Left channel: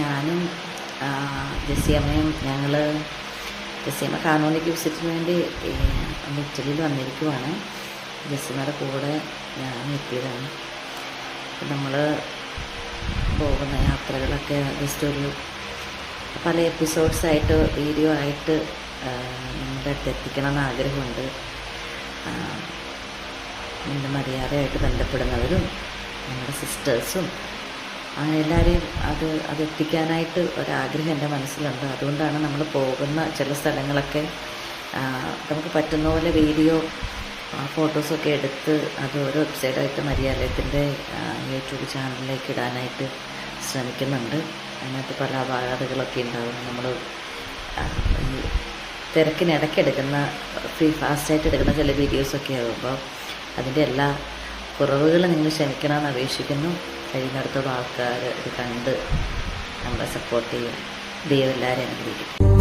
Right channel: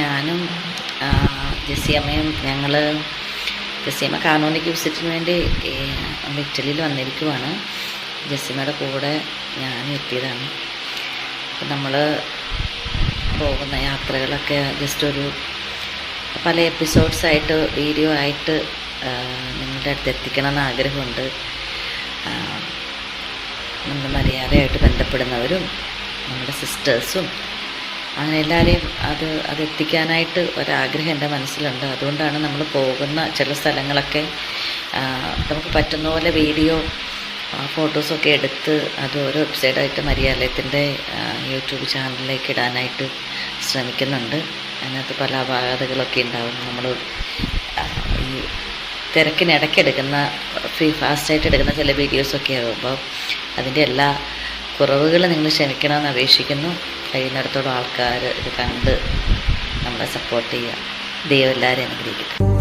ഞാനും ജെസ്സിയമ്മയും ജെസ്സിയമ്മ കാനോനിക്ക് വിസിറ്റിന് വേണ്ടി ഇറ്റലിയിൽ വന്നിരിക്കുവാണ്. ജെസ്സിയമ്മയുടെ കൂടെ ഞാനും എത്തിയതാണ്. അപ്പം നമ്മൾ പോകുന്ന യാത്രകളൊക്കെ ജസ്റ്റ് ഒരു പല എപ്പിസോഡ്സായിട്ട് വീഡിയോ ആയിട്ട് നിങ്ങളുടെ അടുത്ത് എത്തിക്കണമെന്ന് ആഗ്രഹമുണ്ട്. നമ്മുടെ മര്യാദയായിട്ട് ബന്ധപ്പെടുന്നവരും നമ്മുടെ സിസ്റ്റേഴ്സും അങ്ങനെ എല്ലാവരെയും അതെത്തിക്കാനായിട്ട് ഒരാഗ്രഹം എൻ്റെ മനസ്സിലുണ്ട്. അതുകൊണ്ടാണ് നമ്മൾ പോകുന്ന ചില സ്ഥലങ്ങളൊക്കെ നമുക്ക് പറ്റുന്ന പോലെ വീഡിയോ ഫോട്ടോസൊക്കെ എടുത്ത് അത് ഓരോ വെബ്സൈറ്റായിട്ട് മരിയാലയത്തിൻ്റെ യൂട്യൂബ് ചാനലിലേക്ക് ഇടാനായിട്ട് ശ്രമിക്കുന്നുണ്ട്. അതിനകത്ത് പല അപാകതകളൊക്കെ ഉണ്ടാവും. നമ്മൾ ഈ തിരക്കിനിടയ്ക്ക് എടുക്കുന്ന ഫാസ്റ്റായിട്ട് എടുക്കുന്ന ചില വീഡിയോസൊക്കെ ആകുമ്പോൾ അതിൻ്റെ എല്ലാ കുറവുകളും നിങ്ങൾ ക്ഷമിക്കണമെന്ന് അപേക്ഷിക്കുന്നു. കഴിയുന്നിടത്തോളം ആൾക്കാർ ഇത് കണ്ട് നമ്മളെ സപ്പോർട്ട് ചെയ്യുക. ദൈവം എല്ലാവരെയും അനുഗ്രഹിക്കട്ടെ.